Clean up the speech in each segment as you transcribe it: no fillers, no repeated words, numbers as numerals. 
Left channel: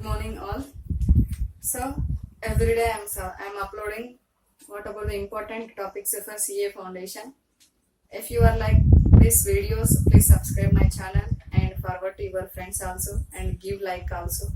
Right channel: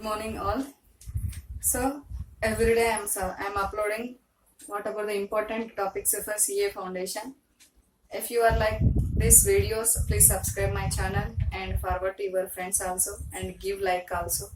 Good morning all. So every day I'm uploading what about the important topics of a CA foundation. If you are like these videos, please subscribe my channel and forward to your friends also and give like also.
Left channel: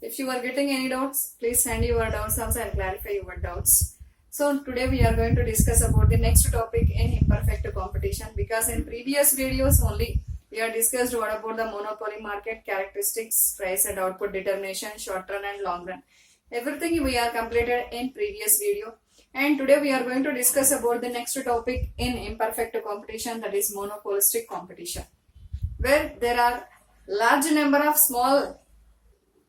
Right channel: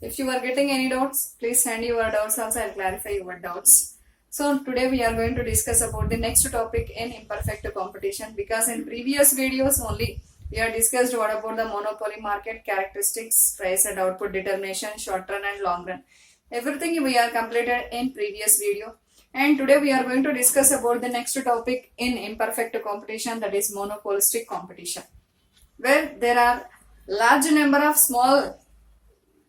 If you are getting any doubts, please send your doubts also and clarify your doubts. So today we are going to discuss about the next topic in imperfect competition, because in previous videos only we have discussed what about the monopoly market characteristics, price and output determination, short run and long run. Everything we are completed in previous video. And today we are going to discuss about the next topic in imperfect competition, that is monopolistic competition, where there are large number of small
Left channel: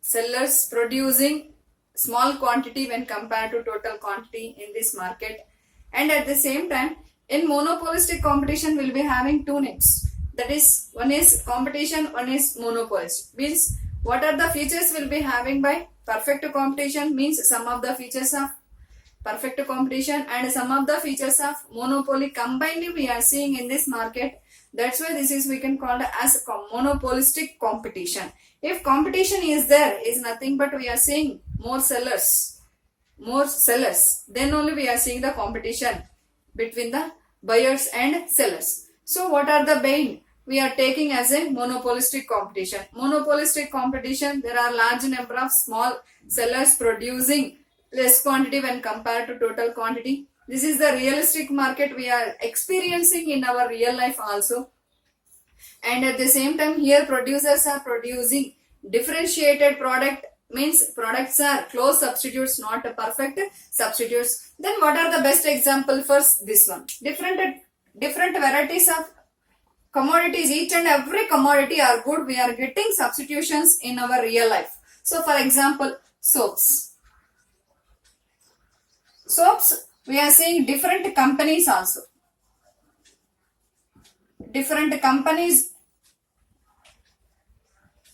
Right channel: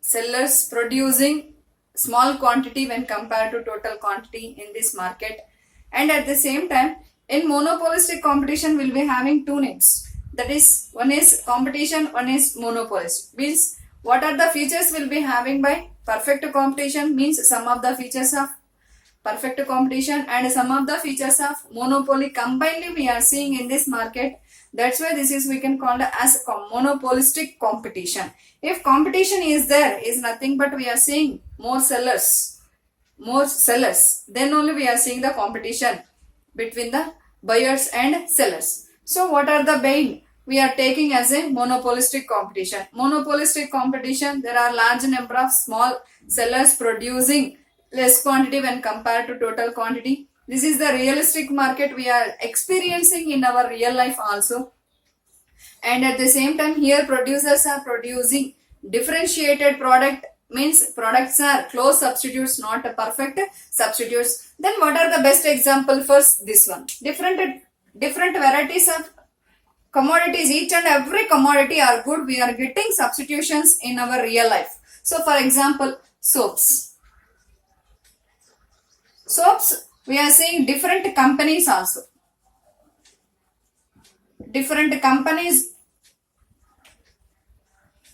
sellers producing small quantity when compared to total quantity in this market. And at the same time, in monopolistic competition we'll be having two names, that is one is competition, one is monopolist. Means what are the features we'll be having by perfect competition, means some of the features of perfect competition and some of the features of monopoly combinedly we are seeing in this market. That's why this is we can call it as monopolistic competition. If competition is there, is nothing but we are seeing more sellers, then only we are seeing the competition between the buyers and sellers. So what are the buying we are taking as a monopolistic competition? Monopolistic competition, there are large number of small sellers producing less quantity when compared to total quantity. This is the realistic market we are experiencing in our real life also. And at the same time, here producers are producing differentiated product, means products are close substitutes, not perfect substitutes. Then what are the best example? First, this one. Different varieties of commodities, each and every commodity are good. We are getting substitutions in our real life. So for example, soaps, we are seeing different companies also. Different companies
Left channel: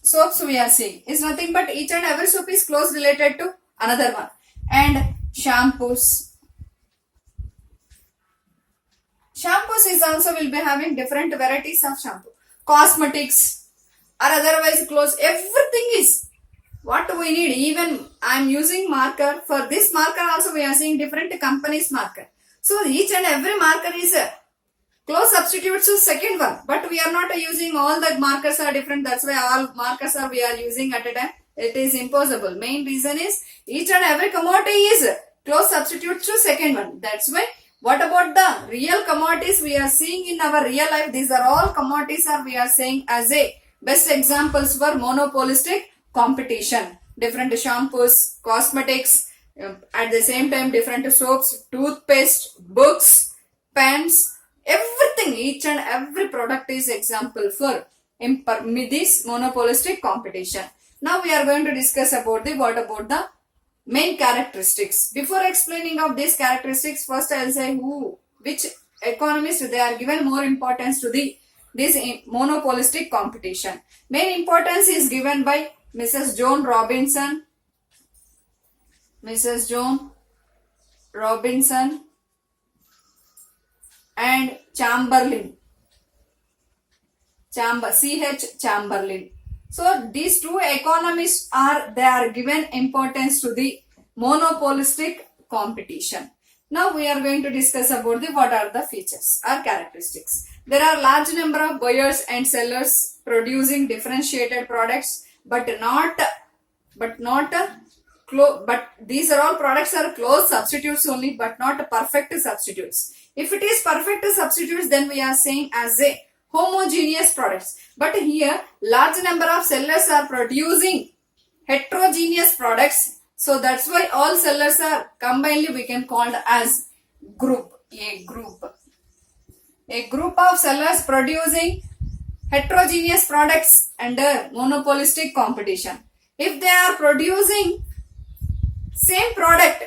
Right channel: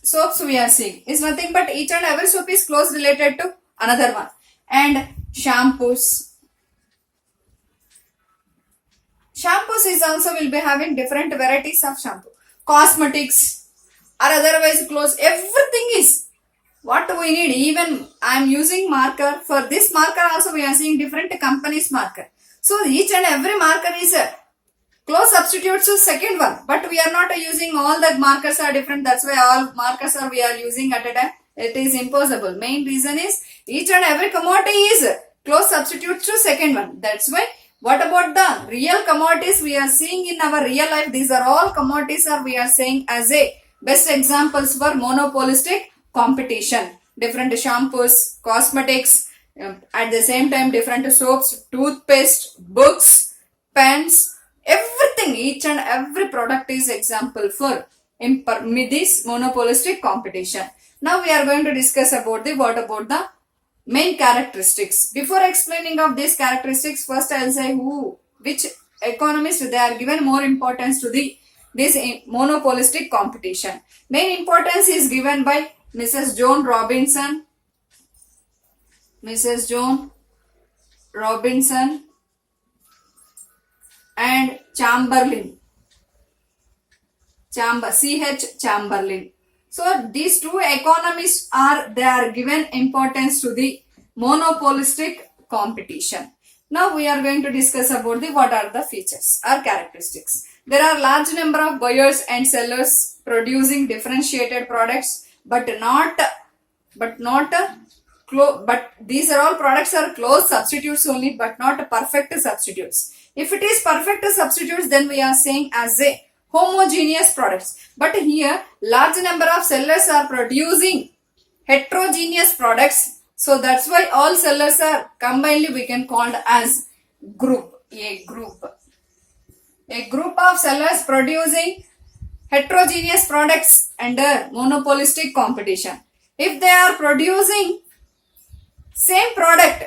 soaps we are seeing is nothing but each and every soap is close related to another one. And shampoos is also will be having different varieties of shampoo. Cosmetics are otherwise close. Everything is what we need. Even I am using marker. For this marker also we are seeing different companies marker. So each and every marker is a close substitutes to second one, but we are not using all the markers are different. That's why all markers are we are using at a time. It is impossible. Main reason is each and every commodity is close substitutes to second one. That's why what about the real commodities we are seeing in our real life? These are all commodities are we are saying as a best examples for monopolistic competition. Different shampoos, cosmetics, at the same time different soaps, toothpaste, books, pens, everything, each and every product is example for this monopolistic competition. Now we are going to discuss about what about the main characteristics. Before explaining of these characteristics, first I will say which economists they are given more importance to this monopolistic competition. Main importance is given by Mrs. Joan Robinson, and Chamberlain. C.H. Chamberlain. So these two economists they are given importance to the monopolistic competition. Now we are going to discuss about what are the features or characteristics. There are large number of buyers and sellers producing differentiated products, but these are all products are close substitutes only, but not perfect substitutes. If it is perfect substitutes, then we are saying as a homogeneous products. But here large number of sellers are producing heterogeneous products. So that's why all sellers are combinedly we can call as group. A group of sellers producing heterogeneous products under monopolistic competition. If they are producing same product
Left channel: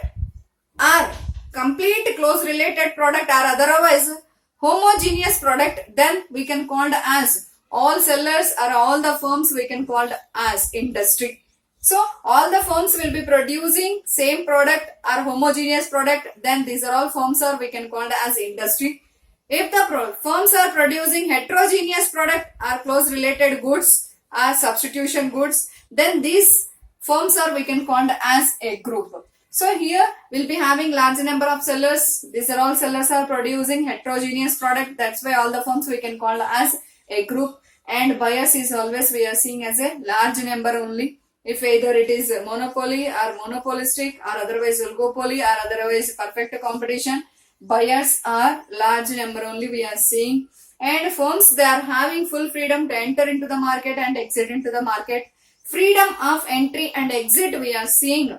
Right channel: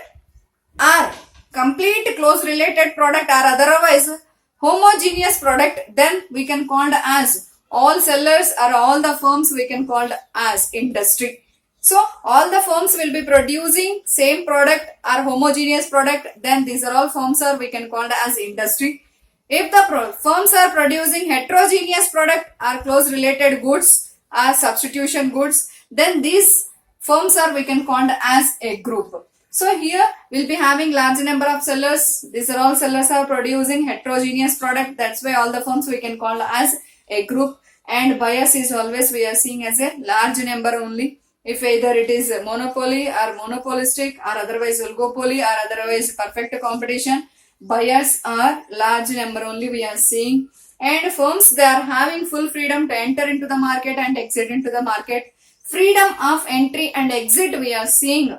or complete close related product or otherwise homogeneous product, then we can call as all sellers or all the firms we can call as industry. So all the firms will be producing same product or homogeneous product, then these are all firms are we can call as industry. If the firms are producing heterogeneous product or close related goods or substitution goods, then these firms are we can call as a group. So here we'll be having large number of sellers. These are all sellers are producing heterogeneous product. That's why all the firms we can call as a group. And buyers is always we are seeing as a large number only. If either it is a monopoly or monopolistic or otherwise oligopoly or otherwise perfect competition, buyers are large number only we are seeing. And firms, they are having full freedom to enter into the market and exit into the market. Freedom of entry and exit we are seeing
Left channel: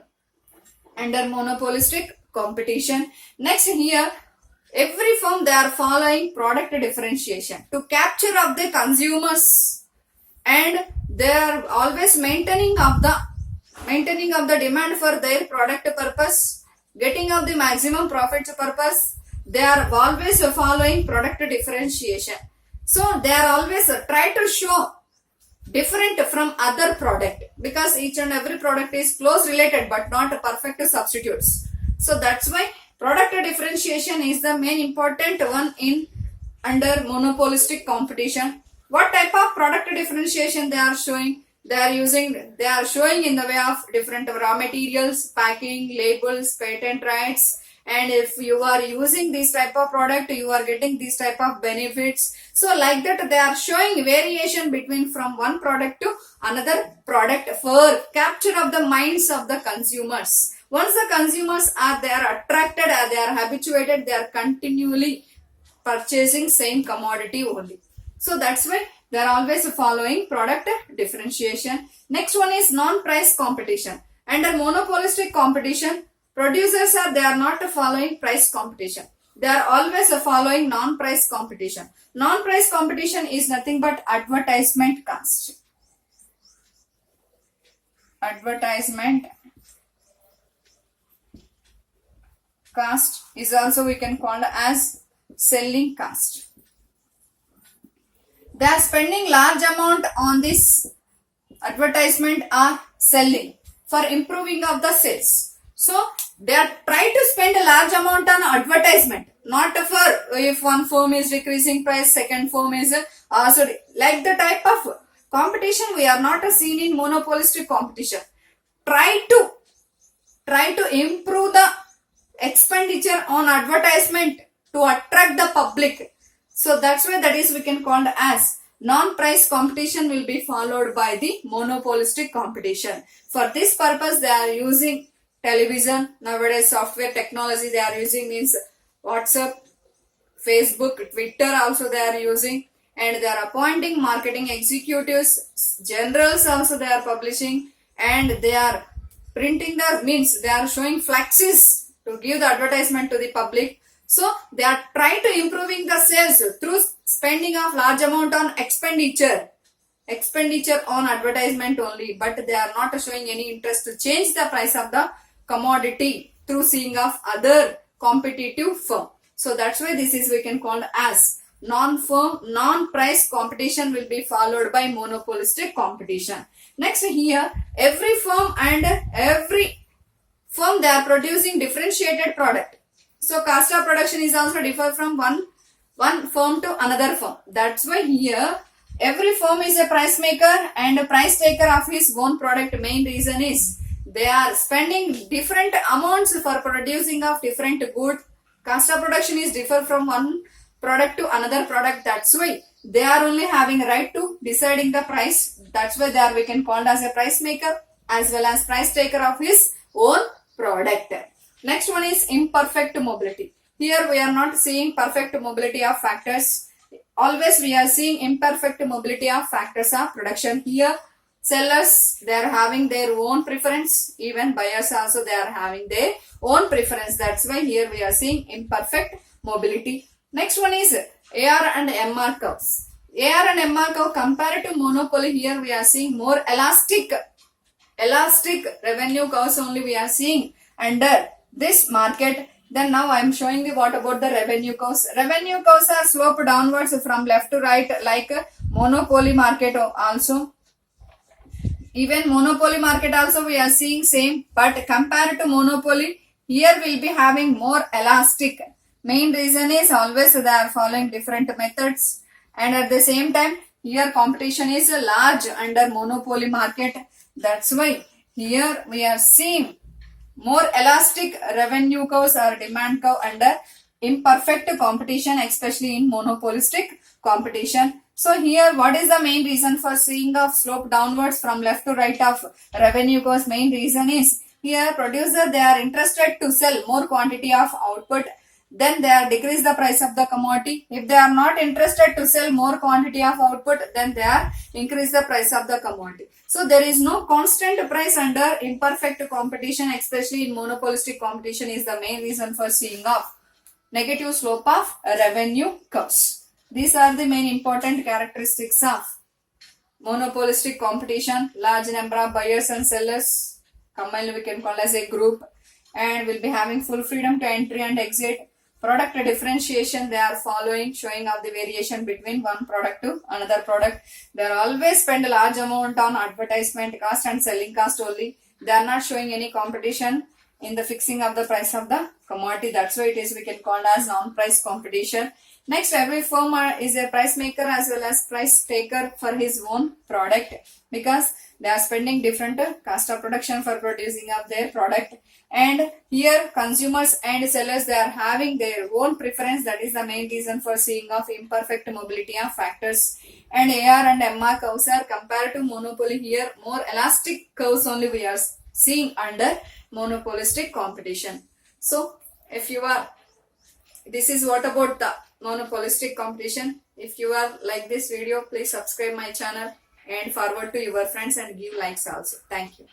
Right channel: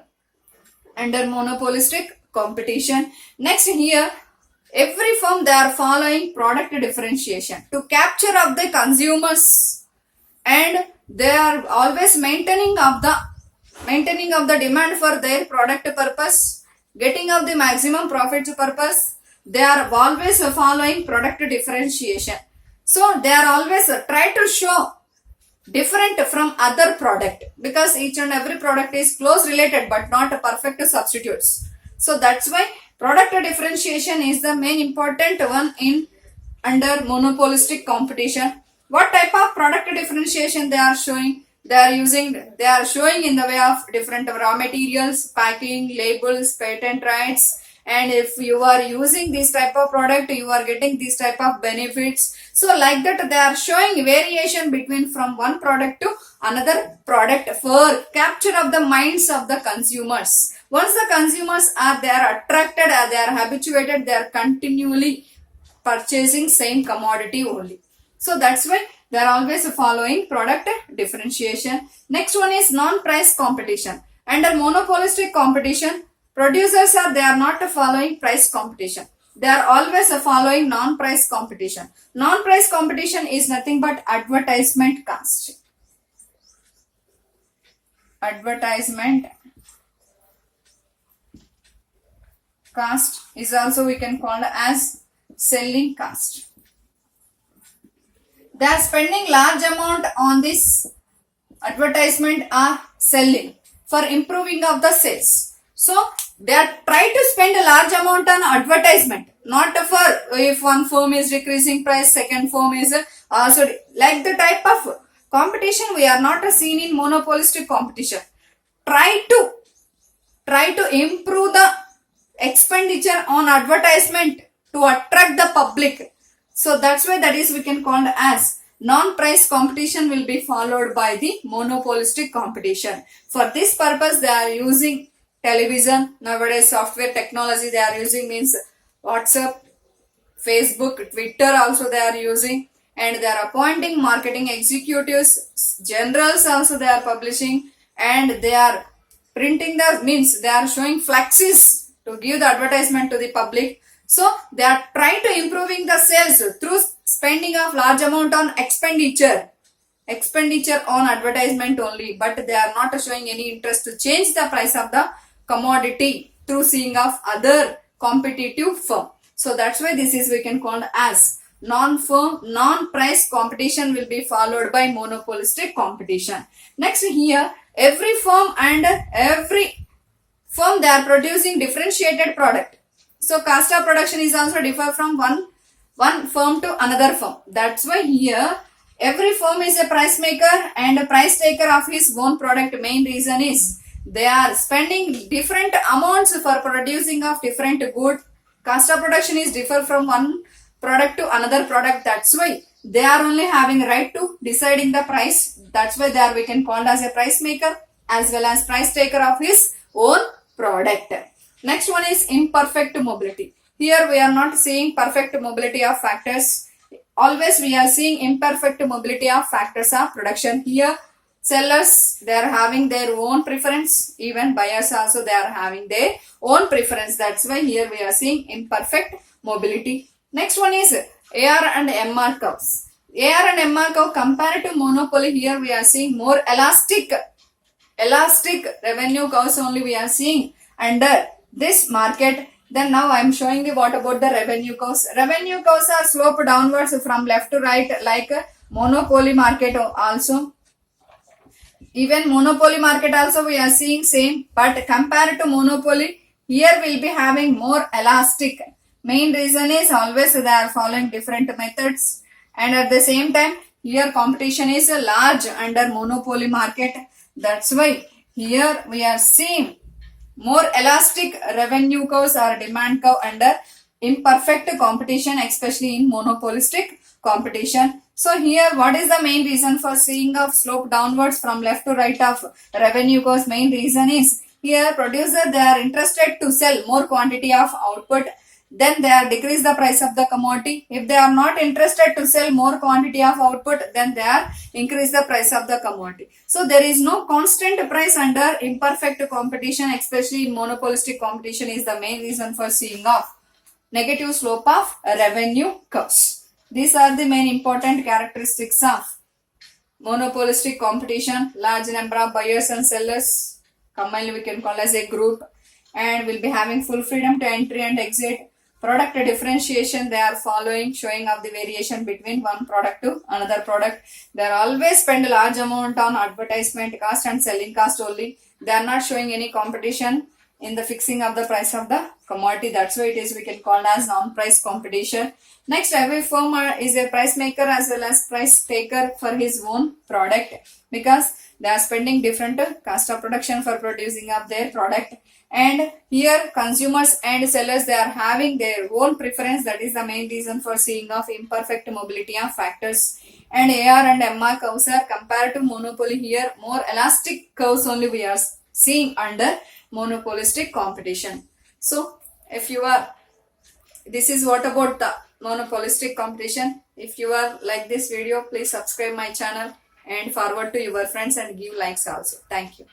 under monopolistic competition. Next here, every firm they are following product differentiation to capture of the consumers, and they are always maintaining of the demand for their product purpose, getting of the maximum profits purpose. They are always following product differentiation. So they are always try to show different from other product, because each and every product is close related but not perfect substitutes. So that's why product differentiation is the main important one in under monopolistic competition. What type of product differentiation they are showing? They are showing in the way of different raw materials, packing, labels, patent rights. And if you are using this type of product, you are getting this type of benefits. So like that, they are showing variation between from one product to another product for capture of the minds of the consumers. Once the consumers are, they are attracted, they are habituated, they are continually purchasing same commodity only. So that's why they are always following product differentiation. Next one is non-price competition. Under monopolistic competition, producers they are not following price competition. They are always following non-price competition. Non-price competition is nothing but advertisement cost. Advertisement cost is also we can call as selling cost. They are spending large amount on this advertisement or selling for improving of the sales. So they are trying to spend a large amount on advertisement, not for if one firm is decreasing price, second firm is also like the type of competition we are not seen in monopolistic competition. Try to improve the expenditure on advertisement to attract the public. So that's why that is we can call as non-price competition will be followed by the monopolistic competition. For this purpose they are using television, nowadays software technology they are using means WhatsApp, Facebook, Twitter also they are using, and they are appointing marketing executives, generals also they are publishing, and they are printing the means they are showing flaxes to give the advertisement to the public. So they are trying to improving the sales through spending of large amount on expenditure on advertisement only, but they are not showing any interest to change the price of the commodity through seeing of other competitive firm. So that's why this is we can call as non-price competition will be followed by monopolistic competition. Next here, every firm they are producing differentiated product. So cost of production is also differ from one firm to another firm. That's why here every firm is a price maker and a price taker of his own product. Main reason is they are spending different amounts for producing of different good. Cost of production is differ from one product to another product. That's why they are only having right to deciding the price. That's why they are we can call as a price maker as well as price taker of his own product. Next one is imperfect mobility. Here we are not seeing perfect mobility of factors. Always we are seeing imperfect mobility of factors of production. Here sellers they are having their own preference. Even buyers also they are having their own preference. That's why here we are seeing imperfect mobility. Next one is AR and MR curves. AR and MR curve compared to monopoly, here we are seeing more elastic revenue curves only we are seeing under this market. Then now I am showing you what about the revenue curves. Revenue curves are sloped downwards from left to right like monopoly market also. Even monopoly market also we are seeing same, but compared to monopoly, here we will be having more elastic. Main reason is always they are following different methods, and at the same time here competition is large under monopoly market. That's why here we are seeing more elastic revenue curves or demand curve under imperfect competition, especially in monopolistic competition. So here what is the main reason for seeing a slope downwards from left to right of revenue curves? Main reason is here producer, they are interested to sell more quantity of output, then they are decrease the price of the commodity. If they are not interested to sell more quantity of output, then they are increase the price of the commodity. So there is no constant price under imperfect competition, especially in monopolistic competition, is the main reason for seeing of negative slope of revenue curves. These are the main important characteristics of monopolistic competition. Large number of buyers and sellers combined we can call as a group, and will be having full freedom to entry and exit. Product differentiation they are following, showing of the variation between one product to another product. They are always spend a large amount on advertisement cost and selling cost only. They are not showing any competition in the fixing of the price of the commodity. That's why it is we can call as non-price competition. Next, every firm is a price maker as well as price taker for his own product, because they are spending different cost of production for producing of their product. And here consumers and sellers, they are having their own preference. That is the main reason for seeing of imperfect mobility of factors. And AR and MR curves are compared to monopoly. Here more elastic curves only we are seeing under monopolistic competition. So if you are, this is what about the monopolistic competition. If you are like this video, please subscribe my channel and forward to your friends and give likes also. Thank you.